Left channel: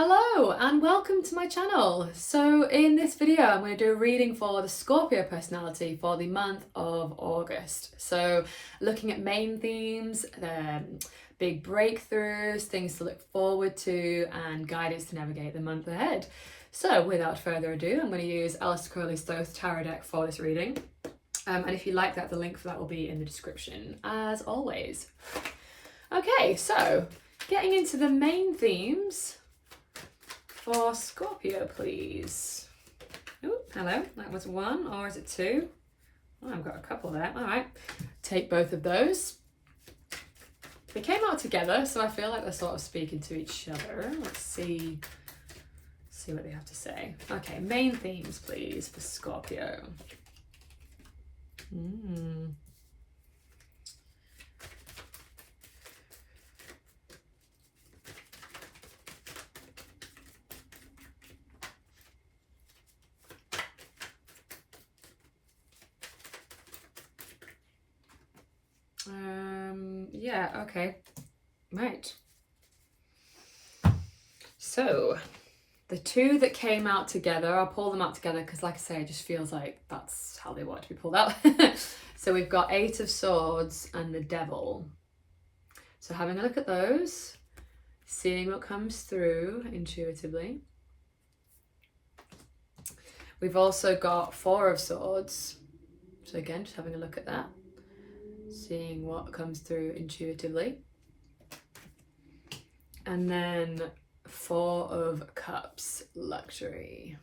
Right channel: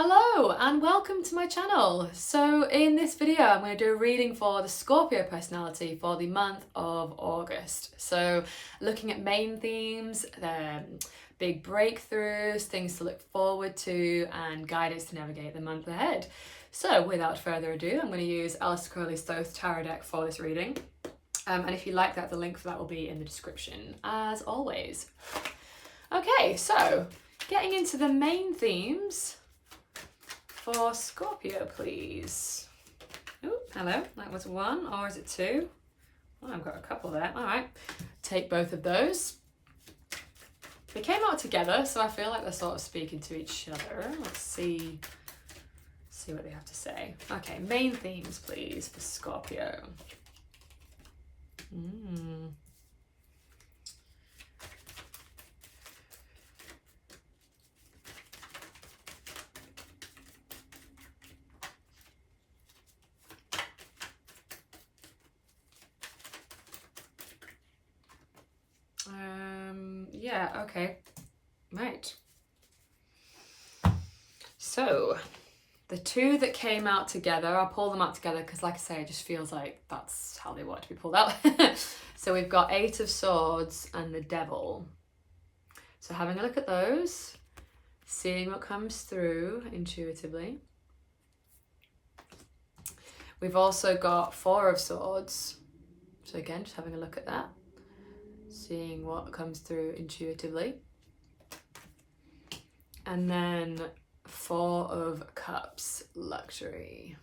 Hello and welcome to my channel. So in this video I'm going to do a reading for the Scorpio personality for the month of August. So looking at main themes, big breakthroughs, things to look forward to and guidance to navigate the month ahead. So without further ado, I'm going to use Aleister Crowley's Thoth Deck for this reading. And if you like that, the link for that will be in the description as always. Okay, so getting into the main themes for Scorpio, please. Oh, hello, that was one, or is it two? Oh, I've got a couple there. All right, take both of those. They came out together, so I feel like they're sort of speaking to each other. Let's see what they have to say. Okay, main themes, please, for Scorpio. Yeah, okay, right. So the two that came out together, I'll pull them out together because like I say, it just feels like that's how they want to be pulled out. So we've got Eight of Swords and the Devil. So having a look at those, seeing what comes through intuitively. We've also got Four of Swords. So again, just having a look at that, seeing what comes through intuitively. And then Four of Cups, Luxury.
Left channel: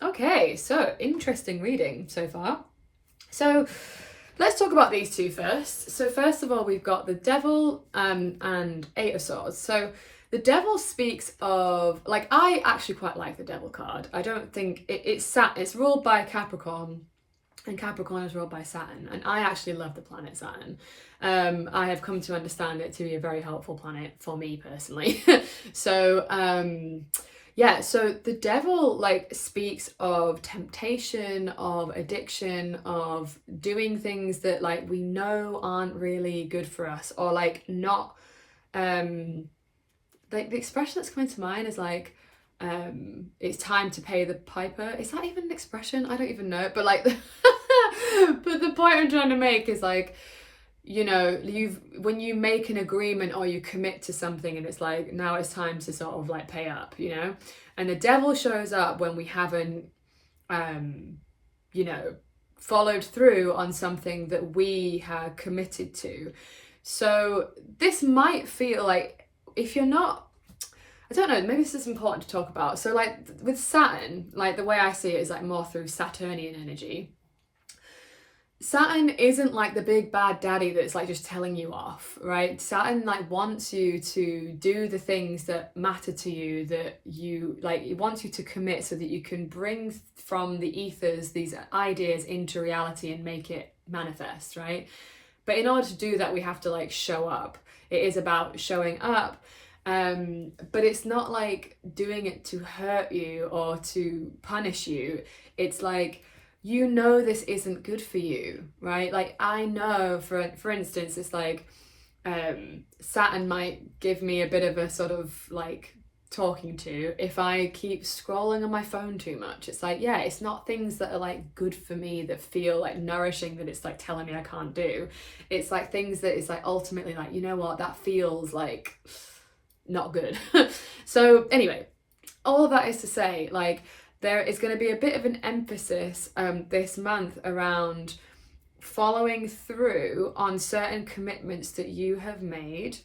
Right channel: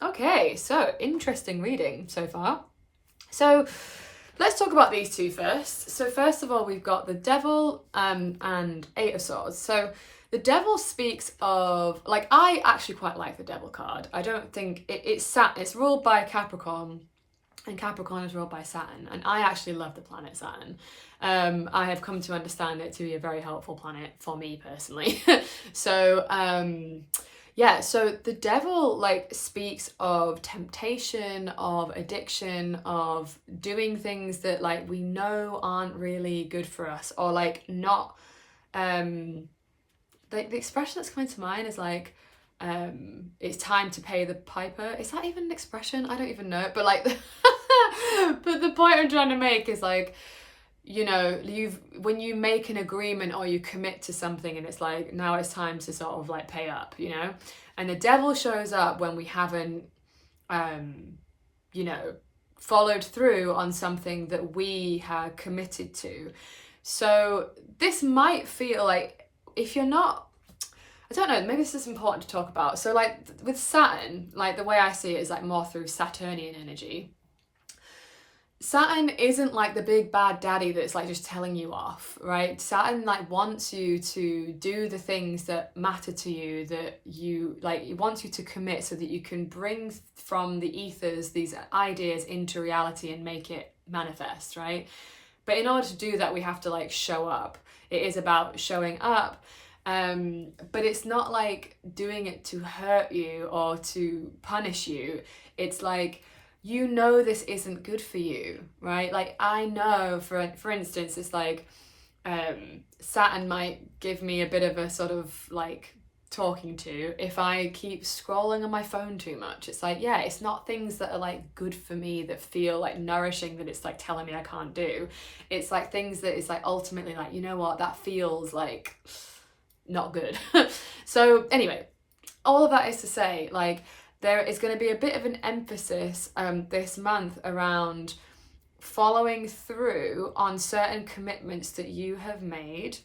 Okay, so interesting reading so far. So let's talk about these two first. So first of all, we've got the Devil and Eight of Swords. So the Devil speaks of, like, I actually quite like the Devil card. I don't think it's ruled by Capricorn, and Capricorn is ruled by Saturn, and I actually love the planet Saturn. I have come to understand it to be a very helpful planet for me personally. So yeah, so the Devil like speaks of temptation, of addiction, of doing things that like we know aren't really good for us, or like not like the expression that's coming to mind is like it's time to pay the piper. Is that even an expression? I don't even know, but like but the point I'm trying to make is like, you know, when you make an agreement or you commit to something and it's like now it's time to sort of like pay up, you know. And the Devil shows up when we haven't you know, followed through on something that we had committed to. So this might feel like, if you're not, I don't know, maybe this is important to talk about. So like with Saturn, like the way I see it is like more through Saturnian energy. Saturn isn't like the big bad daddy that's like just telling you off, right? Saturn like wants you to do the things that matter to you, that you like, it wants you to commit so that you can bring from the ethers these ideas into reality and make it manifest, right? But in order to do that, we have to like show up. It is about showing up. But it's not like doing it to hurt you or to punish you. It's like, you know, this isn't good for you, right? Like I know, for instance, it's like Saturn might give me a bit of a sort of like talking to if I keep scrolling on my phone too much. It's like, yeah, it's not things that are like good for me, that feel like nourishing, that it's like telling me I can't do. It's like things that it's like ultimately like, you know what, that feels like not good. So anyway, all of that is to say, like, there is going to be a bit of an emphasis this month around following through on certain commitments that you have made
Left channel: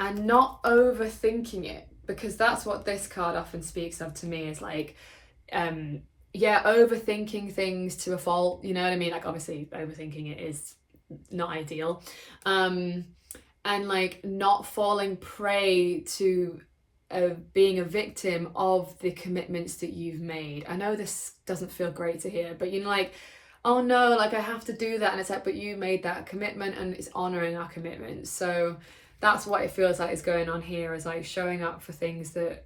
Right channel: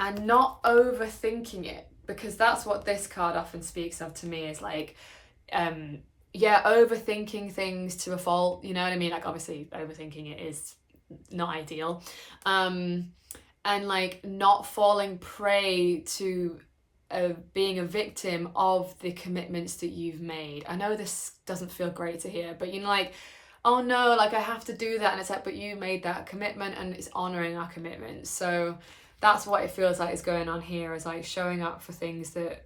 and not overthinking it, because that's what this card often speaks of to me, is like, yeah, overthinking things to a fault, you know what I mean? Like obviously overthinking it is not ideal. And like not falling prey to being a victim of the commitments that you've made. I know this doesn't feel great to hear, but you know, like, oh no, like I have to do that, and it's like, but you made that commitment and it's honoring our commitments. So that's what it feels like is going on here, is like showing up for things that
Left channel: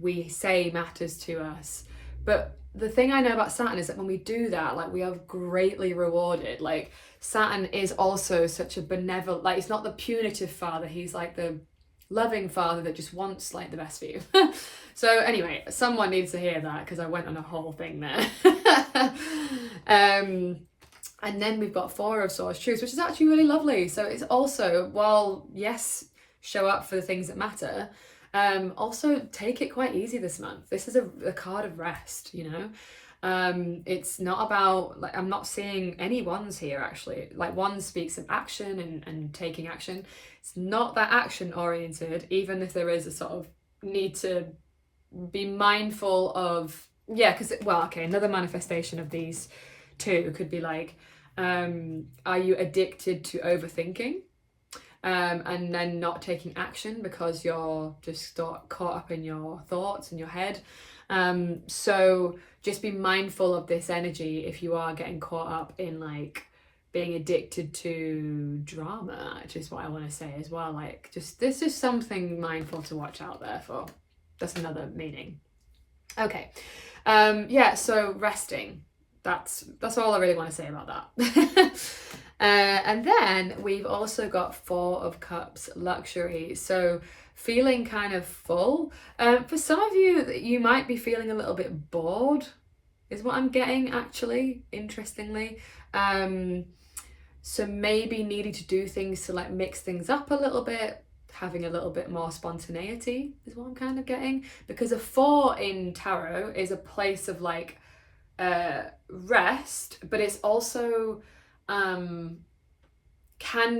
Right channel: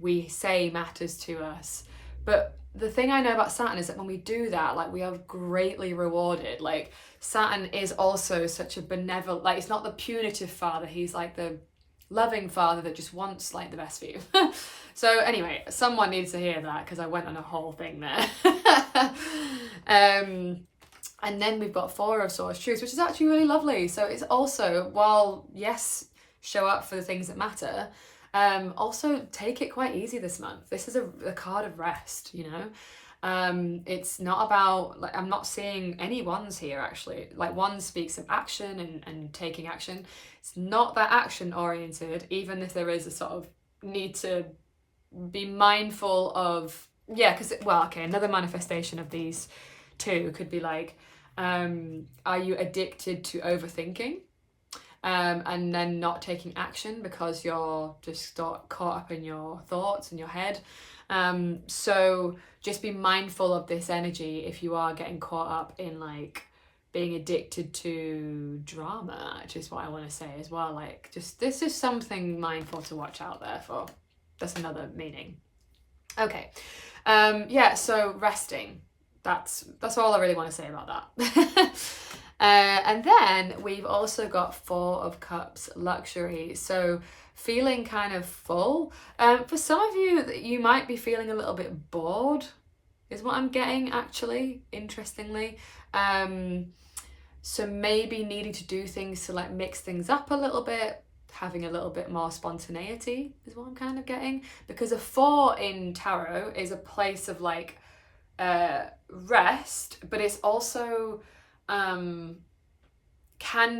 we say matters to us. But the thing I know about Saturn is that when we do that, like we are greatly rewarded. Like Saturn is also such a benevolent, like it's not the punitive father, he's like the loving father that just wants like the best for you. So anyway, someone needs to hear that because I went on a whole thing there. And then we've got Four of Swords Truths, which is actually really lovely. So it's also, while yes, show up for the things that matter, also take it quite easy this month. This is a card of rest, you know. It's not about, like, I'm not seeing any ones here actually. Like, one speaks of action and taking action. It's not that action oriented, even if there is a sort of need to be mindful of, yeah, because, well, okay, another manifestation of these two could be like, are you addicted to overthinking? And then not taking action because you're just caught up in your thoughts and your head. So just be mindful of this energy if you are getting caught up in like being addicted to drama, which is what I want to say as well. Like, just, this is something mindful to watch out there for. That's another meaning. Okay. Yeah, so resting. That's all I really want to say about that. And then we've also got Four of Cups, luxury. So feeling kind of full. For some of you, you might be feeling a little bit bored, is what I'm getting actually, interestingly. So maybe needing to do things to like mix things up a little bit, having a little bit more spontaneity is what I'm kind of getting. Because a 4 in tarot is a place of like rest, but it's also can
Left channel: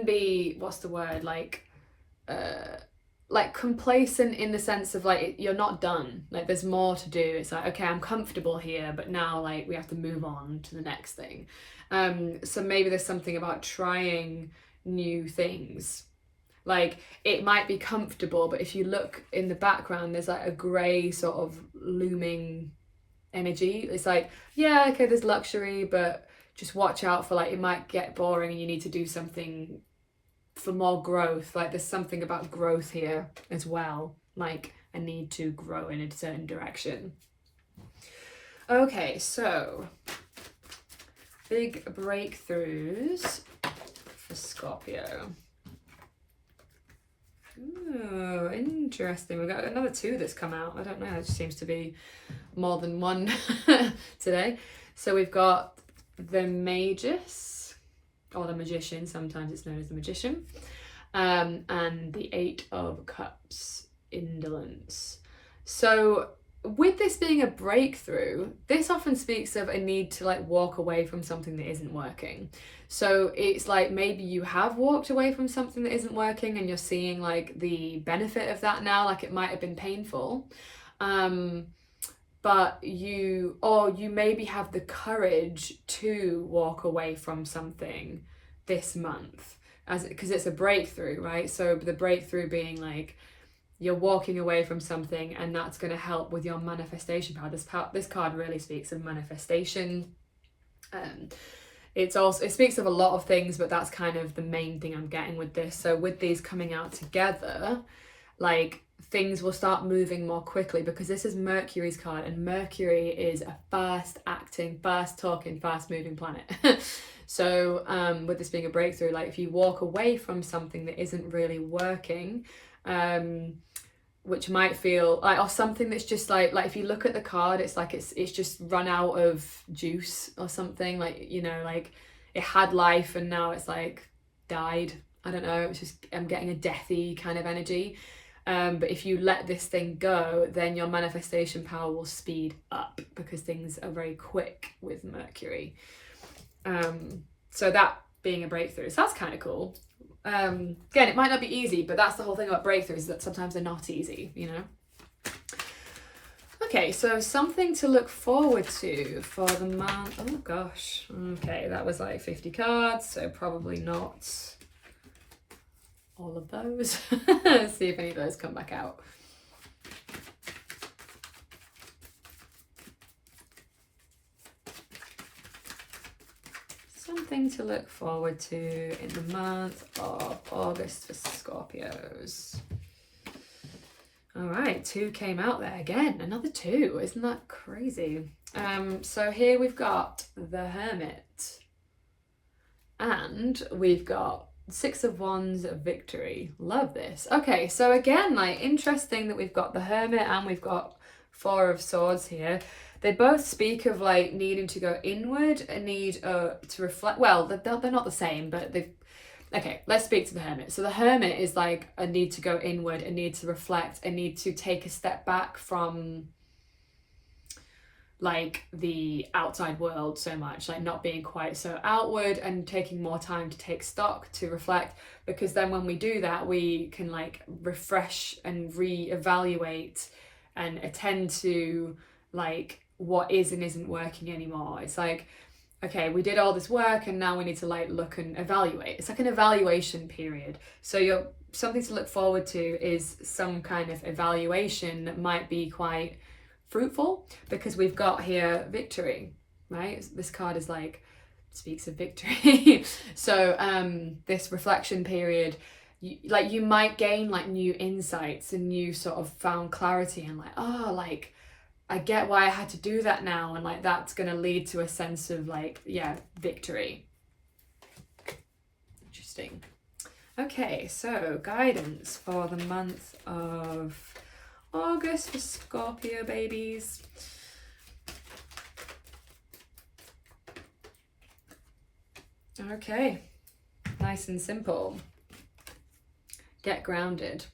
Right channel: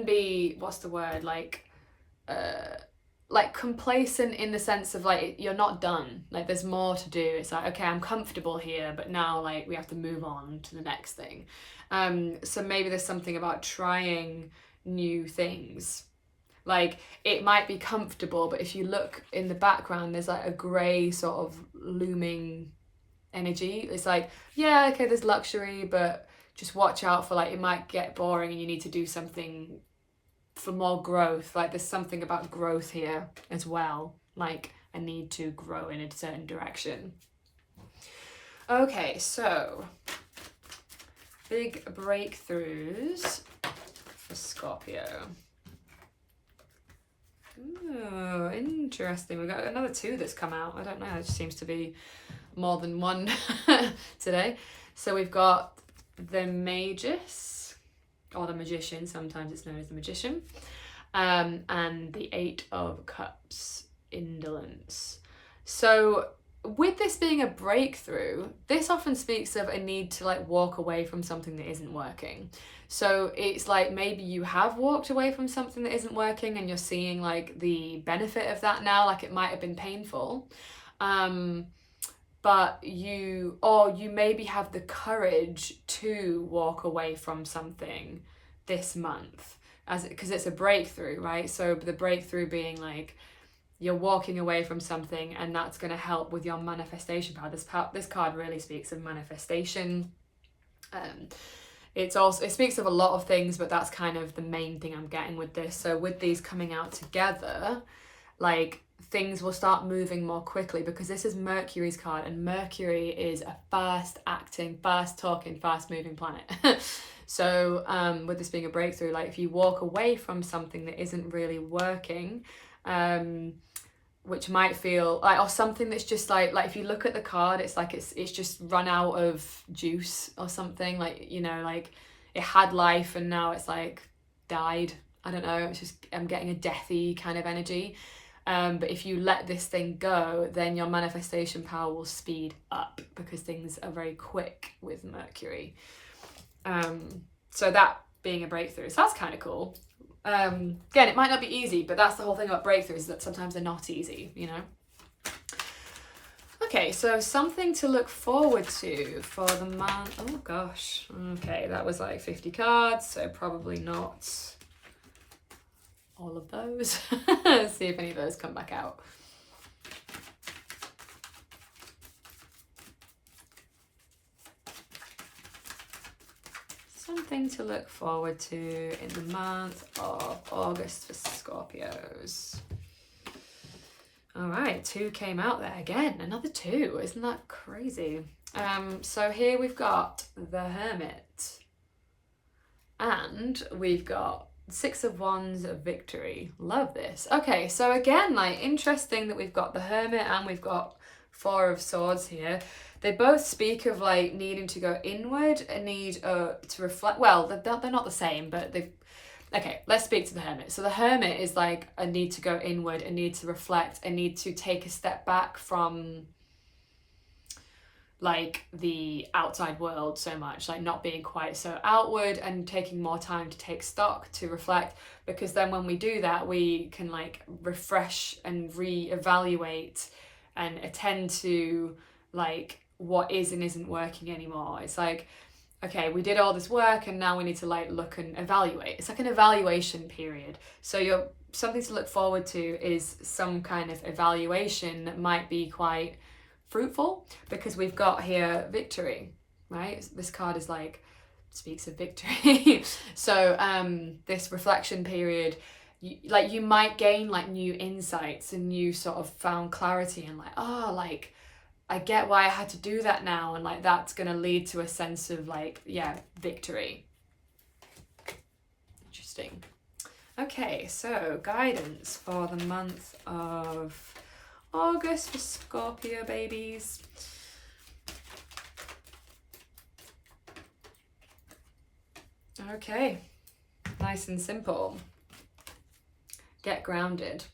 be, what's the word, like complacent in the sense of like you're not done, like there's more to do. It's like, okay, I'm comfortable here, but now like we have to move on to the next thing. So maybe there's something about trying new things. Like, it might be comfortable, but if you look in the background, there's like a grey sort of looming energy. It's like, yeah, okay, there's luxury, but just watch out for like, it might get boring and you need to do something for more growth. Like, there's something about growth here as well. Like, I need to grow in a certain direction. Okay, so big breakthroughs for Scorpio. Oh, interesting. We've got another 2 that's come out. I don't know, it just seems to be more than one today. So we've got the Magus, or the Magician, sometimes it's known as the Magician, and the 8 of Cups, indolence. So with this being a breakthrough, this often speaks of a need to like walk away from something that isn't working. So it's like maybe you have walked away from something that isn't working and you're seeing like the benefit of that now. Like, it might have been painful, but you maybe have the courage to walk away from something this month, because it's a breakthrough, right? So the breakthrough being like you're walking away from something, and that's going to help with your manifestation power. This card really speaks of manifestation. It speaks of a lot of things, but that's kind of the main thing I'm getting with this. So with these coming out together, like, things will start moving more quickly, because this is Mercury's card, and Mercury is a fast acting, fast talking, fast moving planet. So with this being a breakthrough, like if you walk away from something that isn't really working, which might feel like, or something that's just like if you look at the card, it's like it's just run out of juice or something, like, you know, like it had life and now it's like died. I don't know, it's just, I'm getting a deathy kind of energy. But if you let this thing go, then your manifestation power will speed up, because things are very quick with Mercury. So that being a breakthrough, so that's kind of cool. Again, it might not be easy, but that's the whole thing about breakthroughs, that sometimes they're not easy, you know. Okay, so something to look forward to for the month. Oh gosh, okay, that was like 50 cards, so probably not all of those. Let's see if any of those come back out. Something to look forward to in the month of August for Scorpios. All right, 2 came out there again, another 2. Isn't that crazy? So here we've got the Hermit, and we've got Six of Wands, victory. Love this. Okay, so again, like, interesting that we've got the Hermit and we've got Four of Swords here. They both speak of like needing to go inward and need to reflect. Well, they're not the same, but they've. Okay, let's speak to the Hermit. So the Hermit is like a need to go inward, a need to reflect, a need to take a step back from like the outside world so much, like not being quite so outward and taking more time to take stock, to reflect, because then when we do that, we can like refresh and reevaluate and attend to like what is and isn't working anymore. It's like, okay, we did all this work and now we need to like look and evaluate. It's like an evaluation period. So you're something to look forward to is some kind of evaluation that might be quite fruitful, because we've got here victory, right? This card is like speaks of victory. So this reflection period, you might gain like new insights and new sort of found clarity and like, oh, like I get why I had to do that now, and like that's gonna lead to a sense of like, yeah, victory. Interesting. Okay, so guidance for the month of August for Scorpio babies. Okay, nice and simple. Get grounded.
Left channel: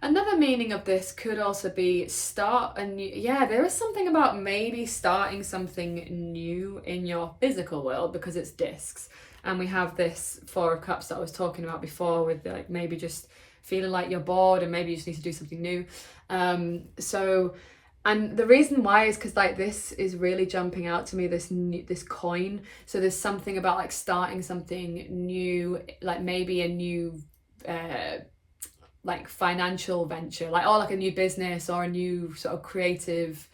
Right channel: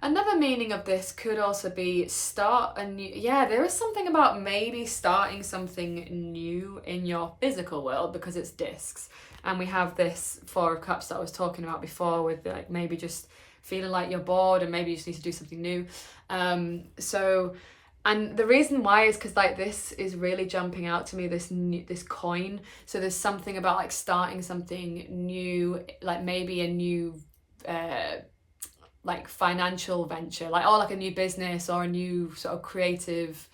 Another meaning of this could also be start a new, yeah, there is something about maybe starting something new in your physical world, because it's discs. And we have this Four of Cups that I was talking about before, with like maybe just feeling like you're bored and maybe you just need to do something new. And the reason why is because like this is really jumping out to me, this coin. So there's something about like starting something new, like maybe a new like financial venture, like, or like a new business or a new sort of creative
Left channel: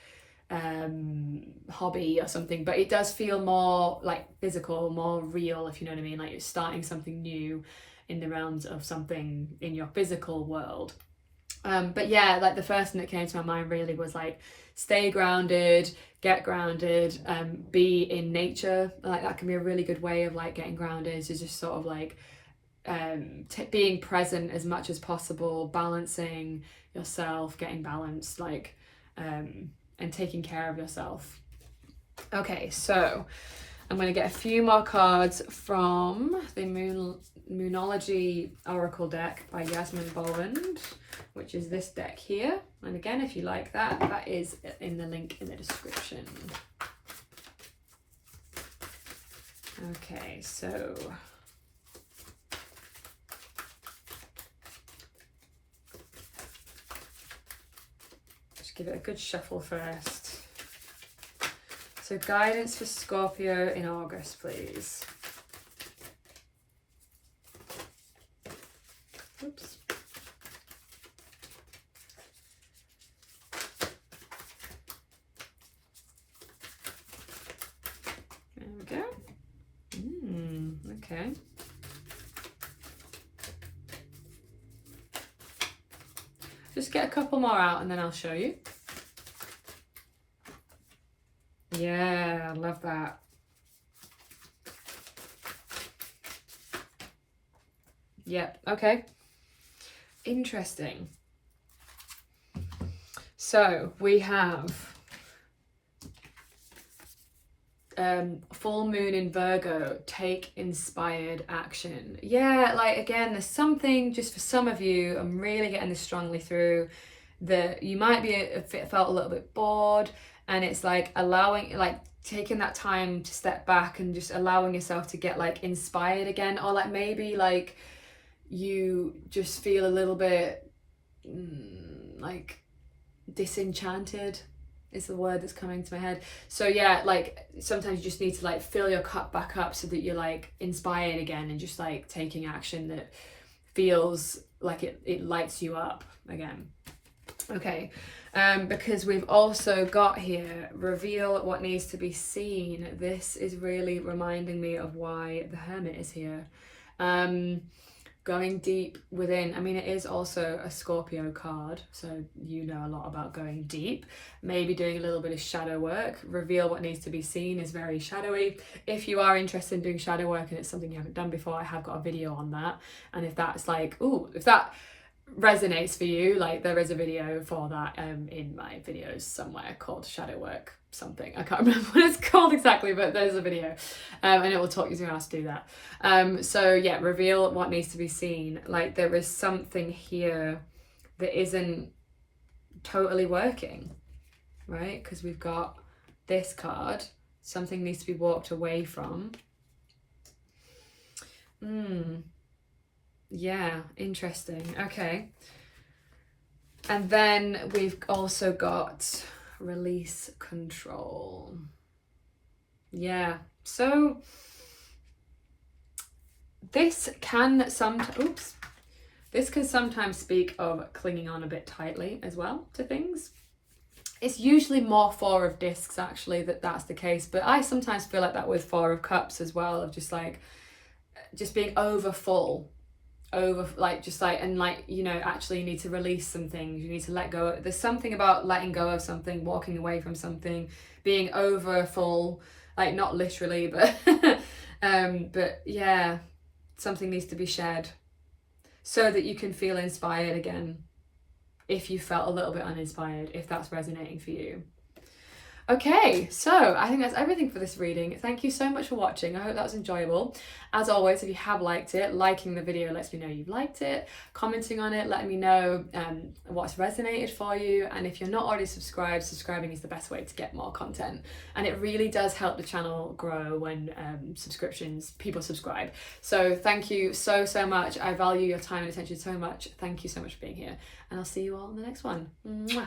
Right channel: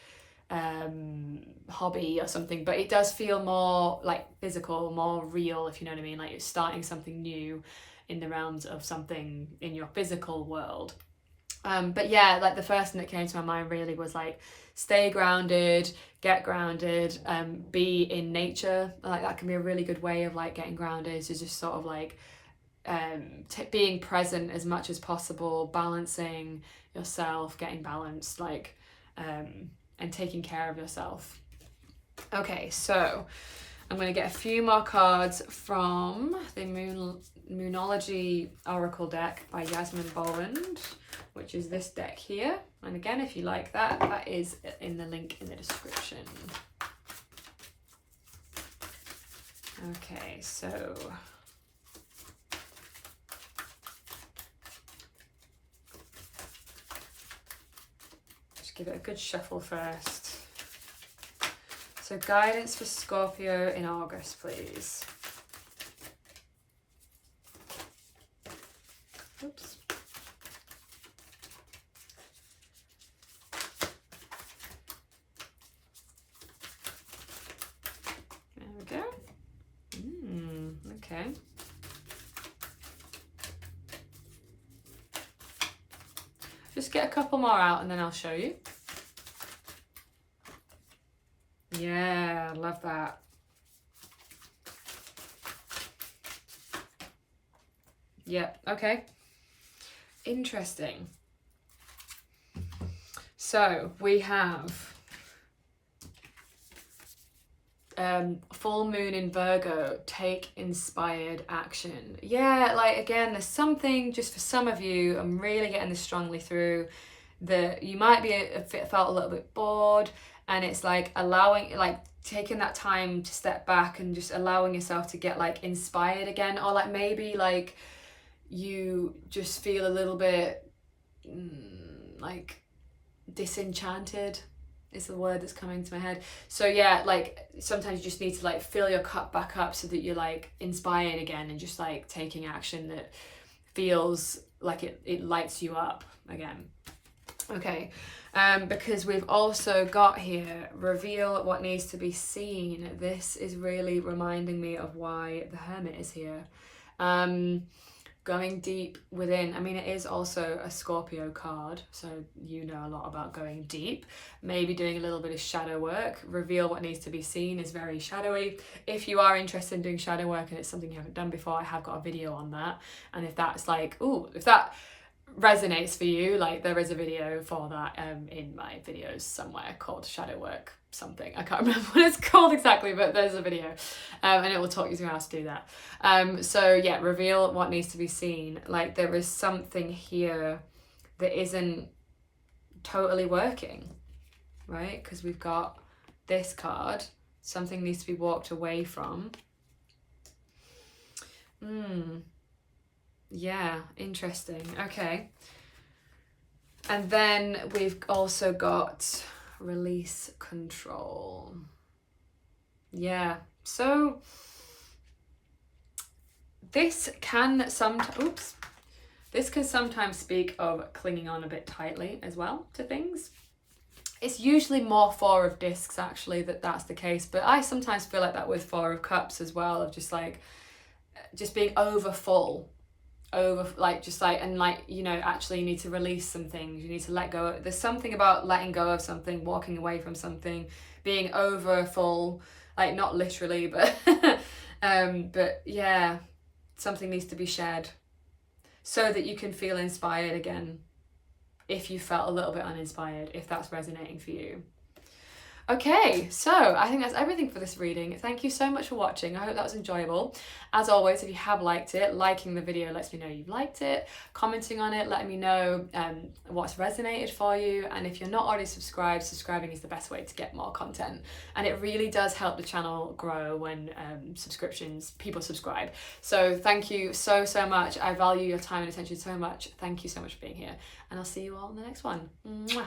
hobby or something. But it does feel more like physical, more real, if you know what I mean. Like you're starting something new in the realms of something in your physical world. But yeah, like the first thing that came to my mind really was like stay grounded, get grounded, be in nature. Like that can be a really good way of like getting grounded, is just sort of like being present as much as possible, balancing yourself, getting balanced, like and taking care of yourself. Okay, so I'm going to get a few more cards from the Moonology Oracle deck by Yasmin Bolland, which is this deck here. And again, if you like that, that is in the link in the description. Okay, so just give it a good shuffle first. So guidance for Scorpio in August, please. Oops. There we go. Okay. Just get a couple more out and then I'll show you. Yeah, I love that. Yep, okay. Interesting. So we have full moon in Virgo, take inspired action. Yeah, like again, there's something just for some of you, I'm really getting this strongly through, that you might be felt a little bit bored, and it's like allowing, like taking that time to step back and just allowing yourself to get like inspired again, or like maybe like you just feel a little bit like disenchanted is the word that's coming to my head. So yeah, like sometimes you just need to like fill your cup back up so that you're like inspired again and just like taking action that feels like it lights you up again. Okay, because we've also got here, reveal what needs to be seen. This is really reminding me of why the Hermit is here. going deep within. I mean, it is also a Scorpio card, so you know a lot about going deep, maybe doing a little bit of shadow work. Reveal what needs to be seen is very shadowy. If you are interested in doing shadow work and it's something you haven't done before, I have got a video on that. And if that's like, ooh, if that resonates for you, like there is a video for that in my videos somewhere called shadow work something. I can't remember what it's called exactly, but there's a video and it will talk you through how to do that. So yeah, reveal what needs to be seen. Like there is something here that isn't totally working, right? Because we've got this card, something needs to be walked away from. Yeah, interesting. Okay. And then we've also got release control. Yeah, so this can sometimes speak of clinging on a bit tightly as well to things. It's usually more Four of Discs actually that's the case, but I sometimes feel like that with Four of Cups as well, of just being over full. You know, actually you need to release some things, you need to let go. There's something about letting go of something, walking away from something, being over full, like not literally, but but yeah, something needs to be shed so that you can feel inspired again if you felt a little bit uninspired, if that's resonating for you. Okay, so I think that's everything for this reading. Thank you so much for watching. I hope that was enjoyable. As always, if you have liked it, liking the video lets me know you've liked it. Commenting on it, letting me know what's resonated for you. And if you're not already subscribed, subscribing is the best way to get more content. And it really does help the channel grow when people subscribe. So thank you so much. I value your time and attention so much. Thank you so much for being here. And I'll see you all in the next one. Mwah.